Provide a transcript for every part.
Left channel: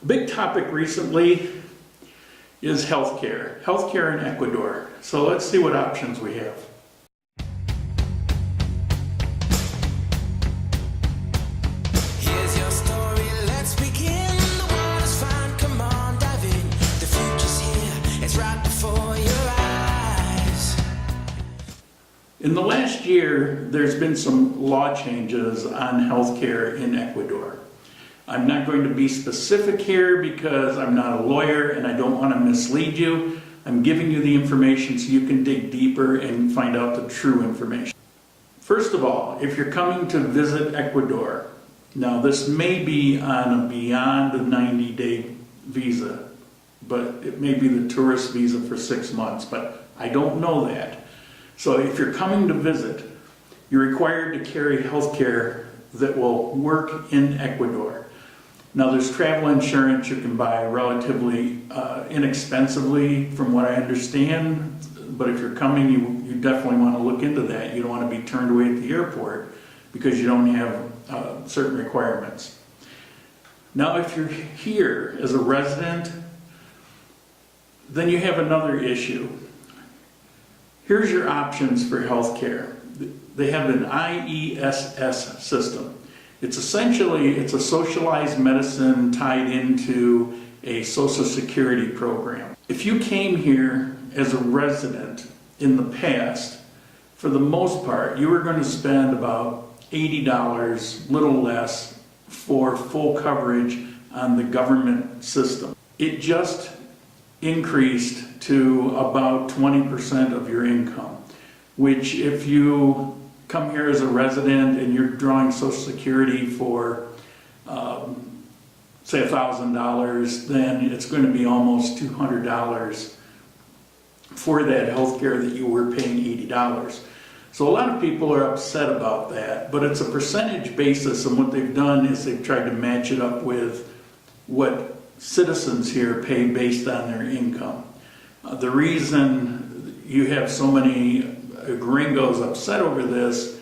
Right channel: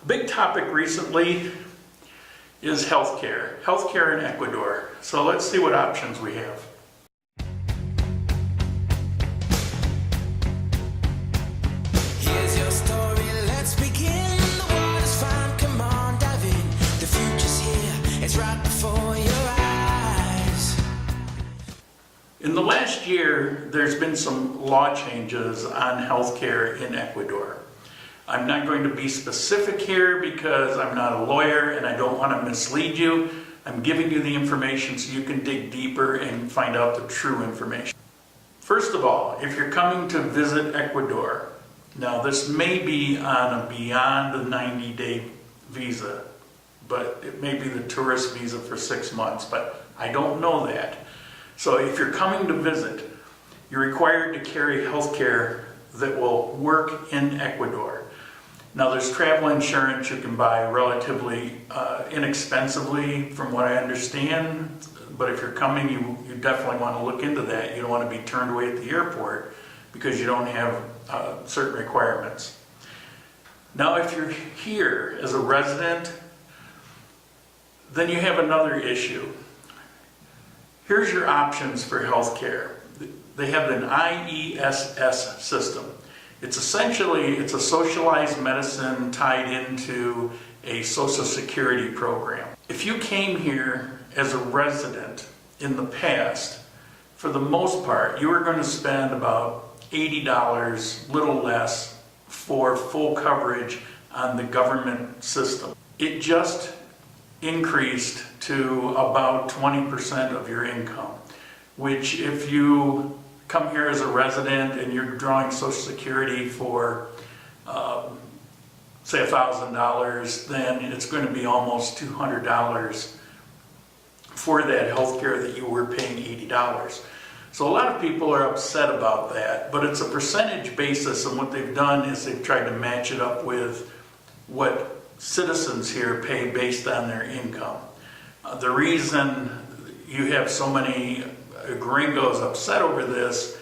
A big topic recently is healthcare. Healthcare in Ecuador. So let's see what options we have. Here's your story, let's begin. The water's fine, come on, dive in. The future's here, it's right before your eyes. In the last year, there's been some law changes on healthcare in Ecuador. I'm not going to be specific here because I'm not a lawyer and I don't want to mislead you. I'm giving you the information so you can dig deeper and find out the true information. First of all, if you're coming to visit Ecuador, now this may be on a beyond a 90-day visa, but it may be the tourist visa for 6 months, but I don't know that. So if you're coming to visit, you're required to carry health care that will work in Ecuador. Now there's travel insurance you can buy relatively inexpensively from what I understand, but if you're coming, you definitely want to look into that. You don't want to be turned away at the airport because you don't have certain requirements. Now if you're here as a resident, then you have another issue. Here's your options for health care. They have an IESS system. It's a socialized medicine tied into a Social Security program. If you came here as a resident in the past, for the most part, you were going to spend about $80, little less, for full coverage on the government system. It just increased to about 20% of your income, which if you come here as a resident and you're drawing Social Security for, say $1,000, then it's going to be almost $200 for that health care that you were paying $80. So a lot of people are upset about that, but it's a percentage basis, and what they've done is they've tried to match it up with what citizens here pay based on their income. The reason you have so many gringos upset over this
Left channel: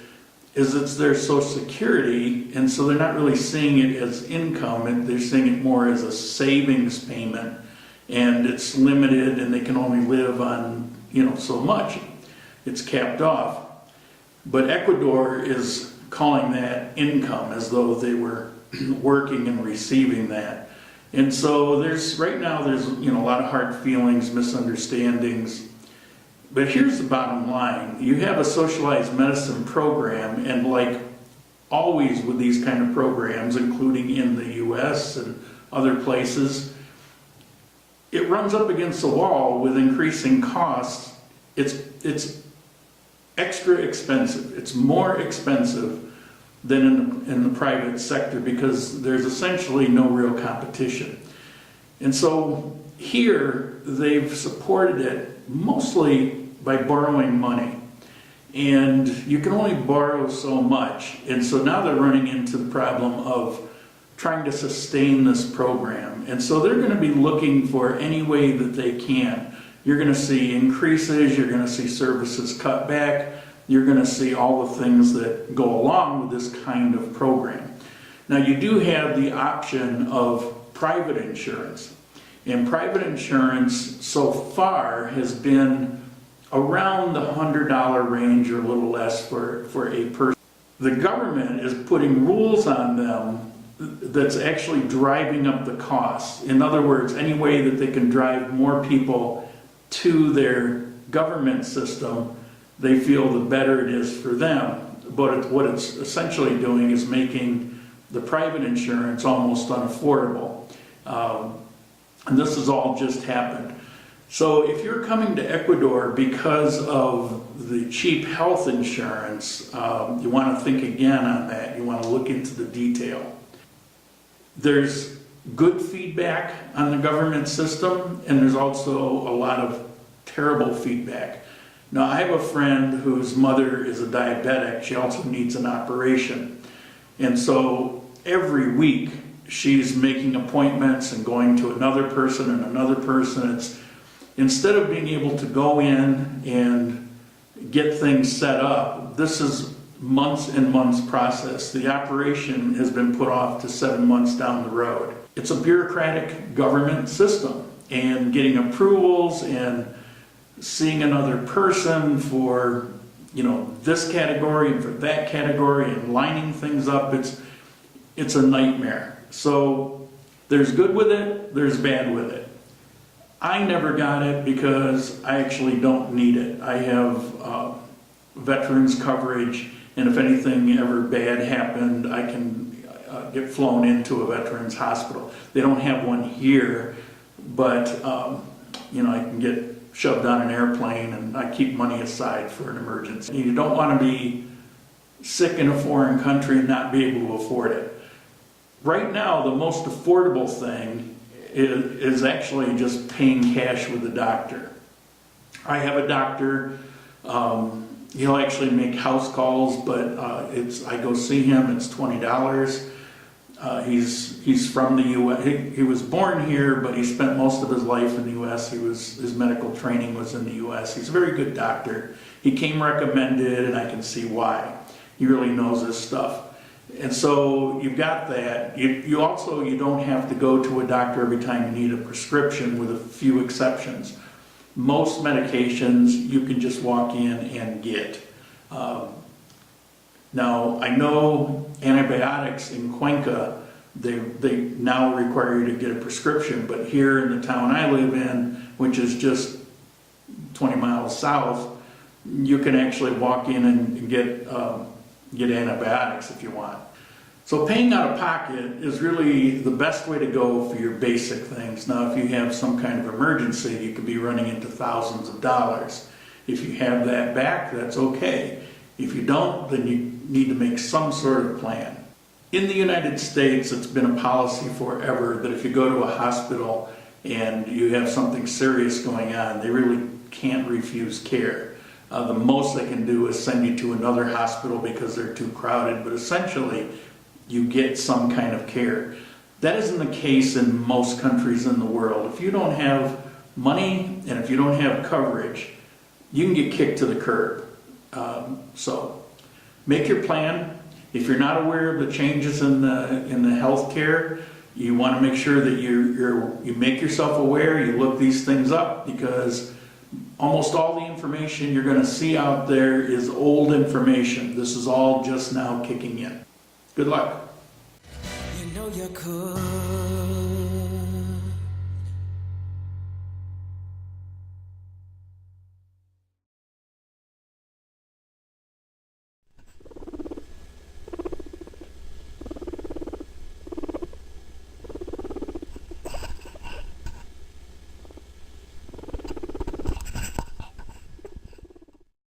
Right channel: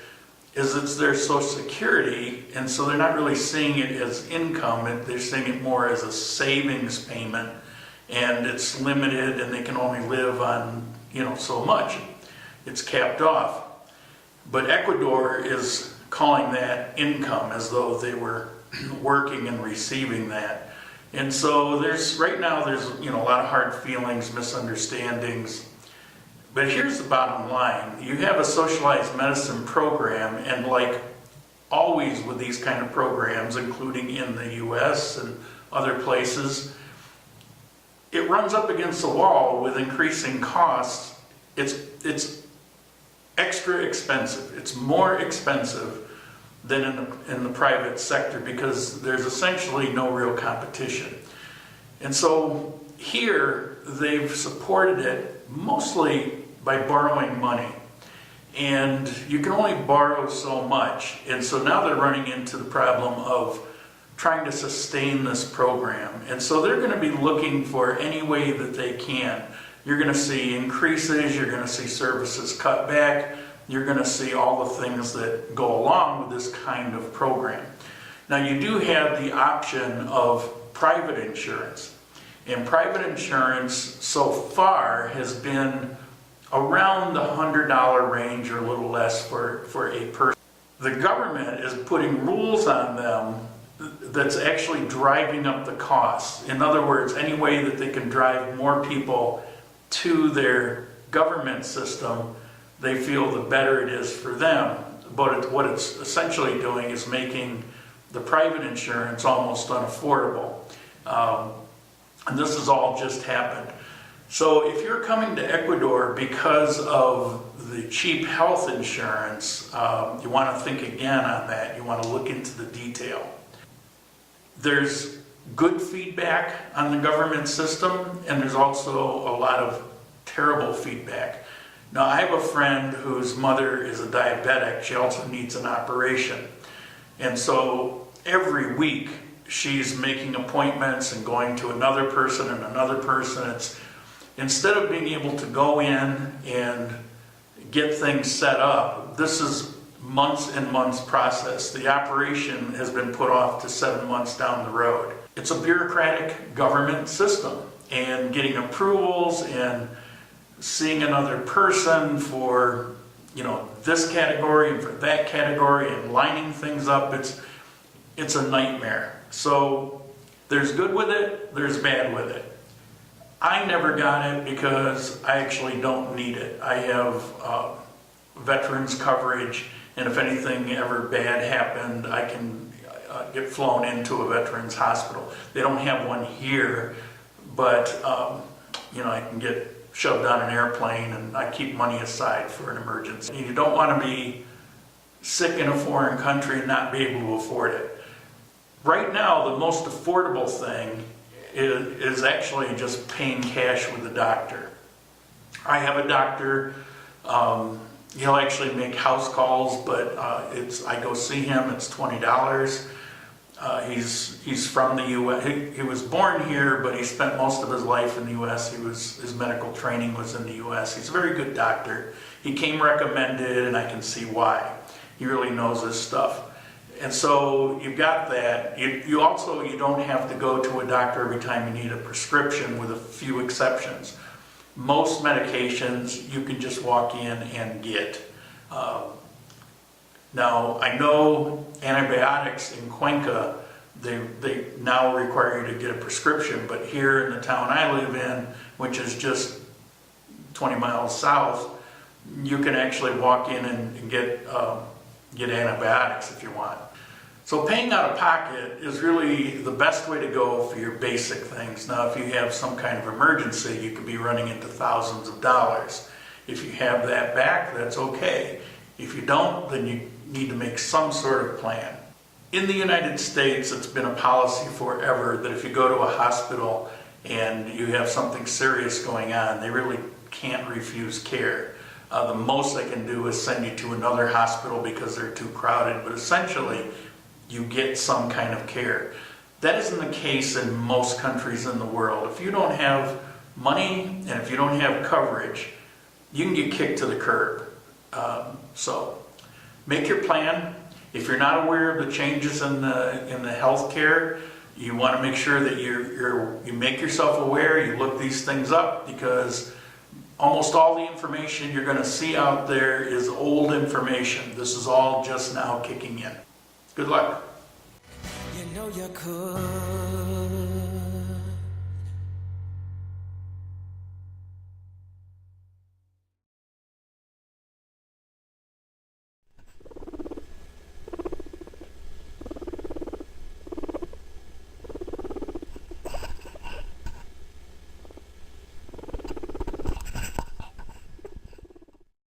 is it's their Social Security, and so they're not really seeing it as income, and they're seeing it more as a savings payment, and it's limited and they can only live on so much. It's capped off. But Ecuador is calling that income as though they were working and receiving that. And so right now there's a lot of hard feelings, misunderstandings. But here's the bottom line. You have a socialized medicine program, and like always with these kind of programs, including in the US and other places, it runs up against the wall with increasing costs. It's extra expensive. It's more expensive than in the private sector because there's essentially no real competition. And so here they've supported it mostly by borrowing money. And you can only borrow so much. And so now they're running into the problem of trying to sustain this program. And so they're going to be looking for any way that they can. You're going to see increases, you're going to see services cut back, you're going to see all the things that go along with this kind of program. Now you do have the option of private insurance. And private insurance so far has been around the $100 range or a little less for a person. The government is putting rules on them that's actually driving up the costs. In other words, any way that they can drive more people to their government system, they feel the better it is for them. But what it's essentially doing is making the private insurance almost unaffordable. And this has all just happened. So if you're coming to Ecuador because of the cheap health insurance, you want to think again on that. You want to look into the detail. There's good feedback on the government system, and there's also a lot of terrible feedback. Now, I have a friend whose mother is a diabetic. She also needs an operation. And so every week she's making appointments and going to another person and another person. Instead of being able to go in and get things set up, this is months and months process. The operation has been put off to 7 months down the road. it's a bureaucratic government system, and getting approvals and seeing another person for, this category and for that category and lining things up, it's a nightmare. So there's good with it, there's bad with it. I never got it because I actually don't need it. I have veterans coverage, and if anything ever bad happened, I can get flown into a veterans hospital. They don't have one here, but I can get shoved on an airplane, and I keep money aside for an emergency. You don't want to be sick in a foreign country and not be able to afford it. Right now, the most affordable thing is actually just paying cash with the doctor. I have a doctor. He'll actually make house calls, but I go see him. It's $20. He's from the U.S. He was born here, but he spent most of his life in the U.S. His medical training was in the U.S. He's a very good doctor. He came recommended, and I can see why. He really knows his stuff. And so you've got that. You also don't have to go to a doctor every time you need a prescription, with a few exceptions. Most medications you can just walk in and get. Now, I know antibiotics in Cuenca, they now require you to get a prescription, but here in the town I live in, which is just 20 miles south, you can actually walk in and get antibiotics if you want. So paying out of pocket is really the best way to go for your basic things. Now, if you have some kind of emergency, you could be running into thousands of dollars. If you have that back, that's okay. If you don't, then you need to make some sort of plan. In the United States, it's been a policy forever that if you go to a hospital and you have something serious going on, they really can't refuse care. The most they can do is send you to another hospital because they're too crowded, but essentially you get some kind of care. That isn't the case in most countries in the world. If you don't have money and if you don't have coverage, you can get kicked to the curb. So make your plan. If you're not aware of the changes in the health care, you want to make sure that you make yourself aware, you look these things up, because almost all the information you're going to see out there is old information. This is all just now kicking in. Good luck. You know you could.